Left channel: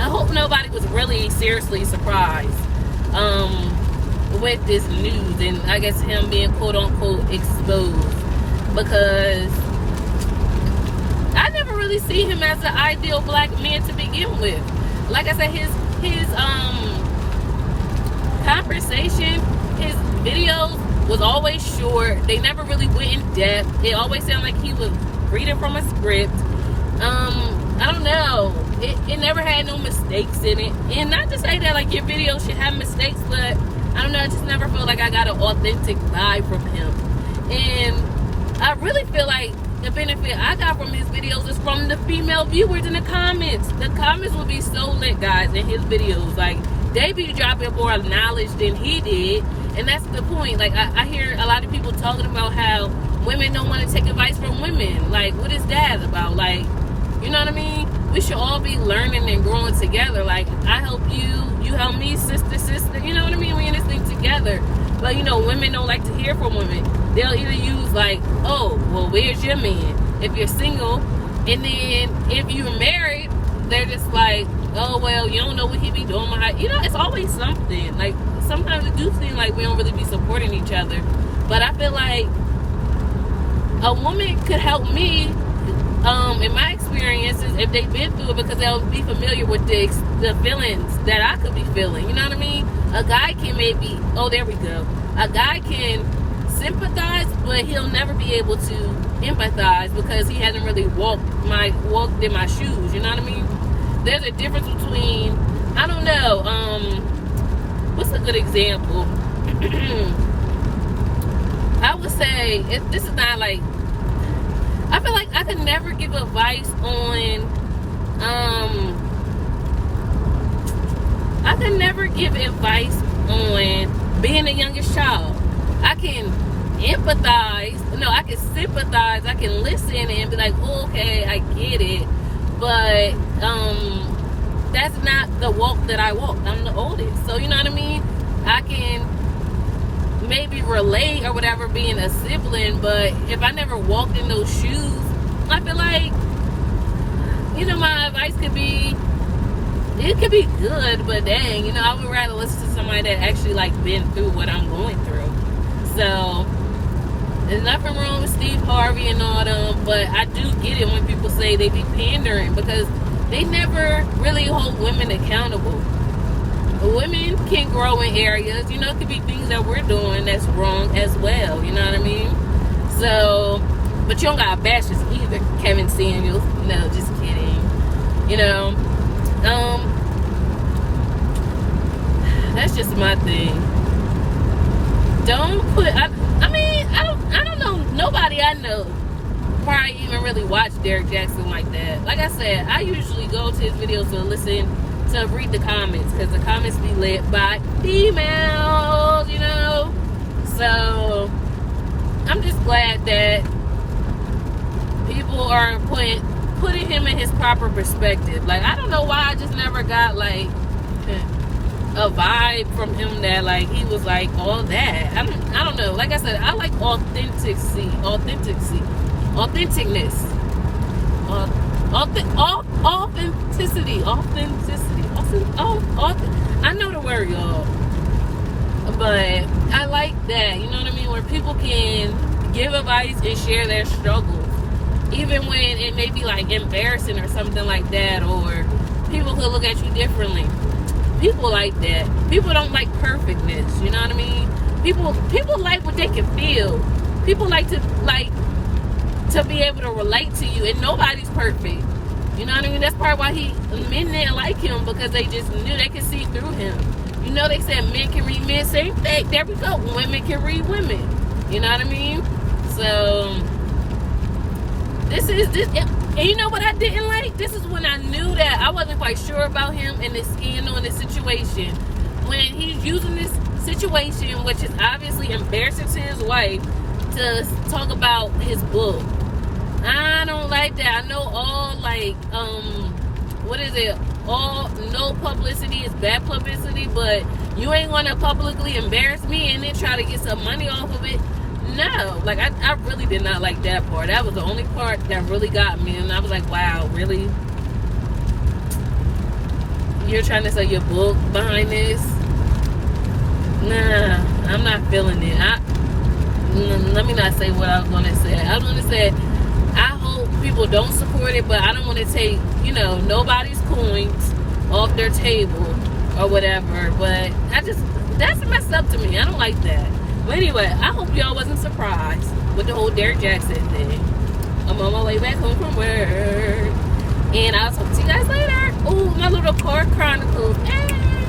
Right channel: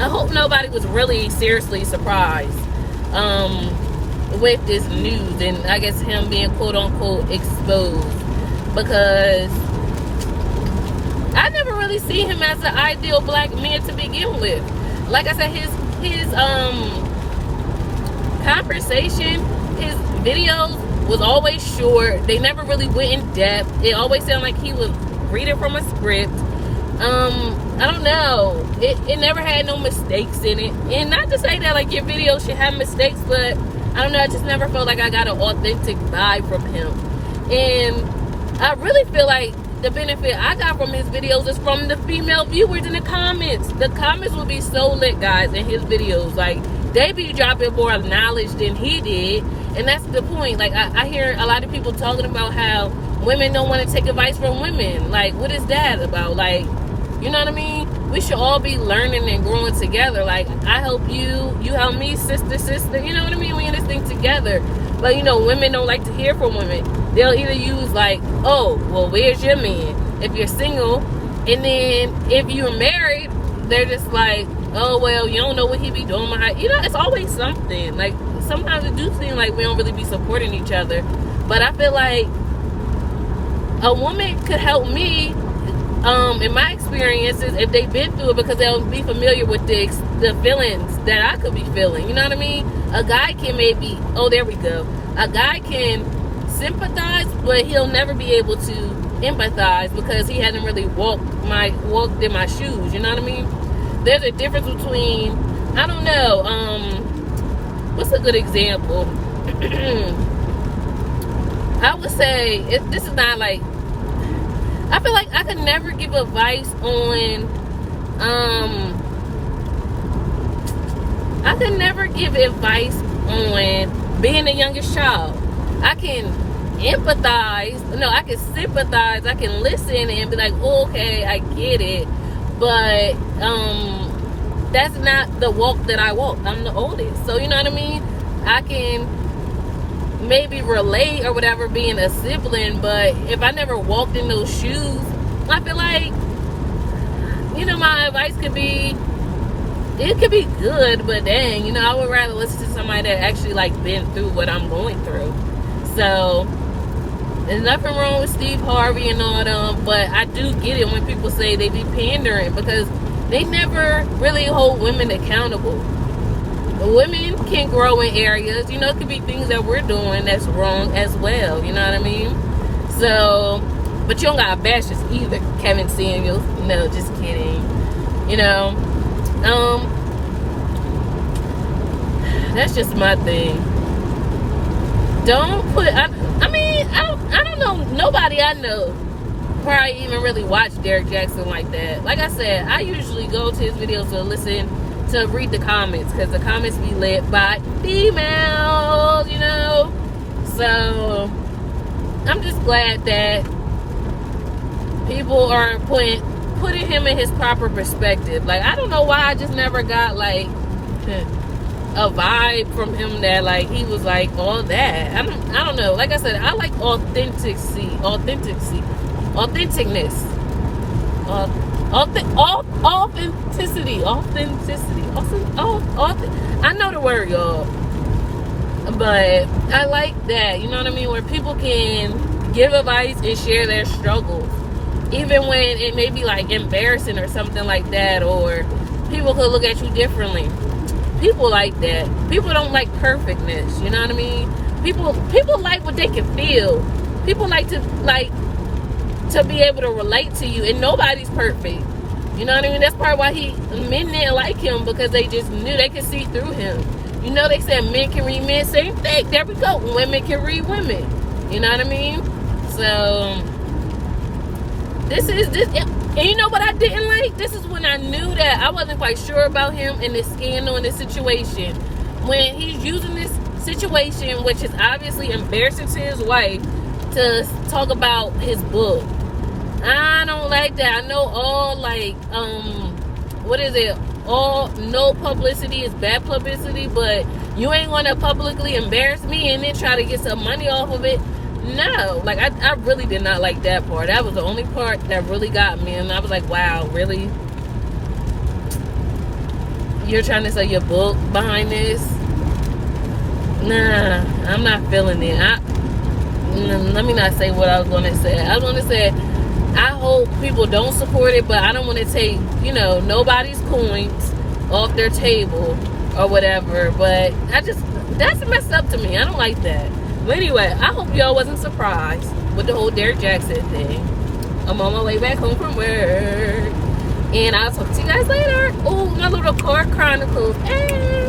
I hope nobody was really seriously surprised with this news and I guess him being quote unquote exposed, because I never really see him as the ideal black man to begin with. Like I said, his conversation, his videos was always short. They never really went in depth. It always sounded like he was reading from a script. I don't know. It never had no mistakes in it. And not to say that like your video should have mistakes, but I don't know, I just never felt like I got an authentic vibe from him. And I really feel like the benefit I got from his videos is from the female viewers in the comments. The comments would be so lit, guys, in his videos. Like, they be dropping more knowledge than he did. And that's the point. Like, I hear a lot of people talking about how women don't want to take advice from women. Like, what is that about? Like, you know what I mean? We should all be learning and growing together. Like, I help you, you help me, sister, you know what I mean? We in this thing together. But, you know, women don't like to hear from women. They'll either use like, oh, well, where's your man? If you're single. And then if you're married, they're just like, oh, well, you don't know what he be doing behind. You know, it's always something. Like, sometimes it do seem like we don't really be supporting each other. But I feel like a woman could help me, in my experiences, if they've been through it, because they'll be familiar with the feelings that I could be feeling. You know what I mean? A guy can maybe, oh, there we go. A guy can sympathize, but he'll never be able to empathize because he hasn't really walked in my shoes. You know what I mean? There's a difference between, I don't know, what's a good example? I would say, this is not like, I feel like I could never give advice on, I could never give advice on being the youngest child. I can empathize, no, I can sympathize, I can listen and be like, oh, okay, I get it, but that's not the walk that I walk. I'm the oldest, so you know what I mean? I can maybe relate or whatever being a sibling, but if I never walked in those shoes, I feel like, you know, my advice could be, it could be good, but dang, you know, I would rather listen to somebody that actually like been through what I'm going through. So there's nothing wrong with Steve Harvey and all them, but I do get it when people say they be pandering, because they never really hold women accountable. Women can grow in areas, you know, it could be things that we're doing that's wrong as well, you know what I mean? So, but you don't gotta bash us either, Kevin Samuels. No, just kidding. You know, that's just my thing. Don't put, I don't know, nobody I know probably even really watch Derrick Jaxn like that. Like I said, I usually go to his videos to listen, to read the comments, because the comments be lit by females, you know? So, I'm just glad that people are putting him in his proper perspective. Like, I don't know why I just never got, like, a vibe from him that like he was like all that. I don't know. Like I said, I like authenticness. Authenticity. I know the word, y'all. But I like that. You know what I mean? Where people can give advice and share their struggles, even when it may be like embarrassing or something like that, or people could look at you differently. People like that. People don't like perfectness. You know what I mean? People like what they can feel. People like to be able to relate to you, and nobody's perfect. You know what I mean? That's probably why men didn't like him, because they just knew they could see through him. You know, they said men can read men. Same thing. There we go. Women can read women. You know what I mean? So this. And you know what I didn't like? This is when I knew that I wasn't quite sure about him and this scandal and this situation. When he's using this situation, which is obviously embarrassing to his wife, to talk about his book. I don't like that. I know all like, what is it? All no publicity is bad publicity, but you ain't gonna publicly embarrass me and then try to get some money off of it. No, like I really did not like that part. That was the only part that really got me, and I was like, wow, really? you're trying to sell your book behind this. Nah, I'm not feeling it. Let me not say what I was going to say. I was going to say, I hope people don't support it, but I don't want to take, nobody's coins off their table or whatever. But that's messed up to me. I don't like that. But anyway, I hope y'all wasn't surprised with the whole Derrick Jaxn thing. I'm on my way back home from work. And I'll talk to you guys later. Oh, my little car chronicles. Hey.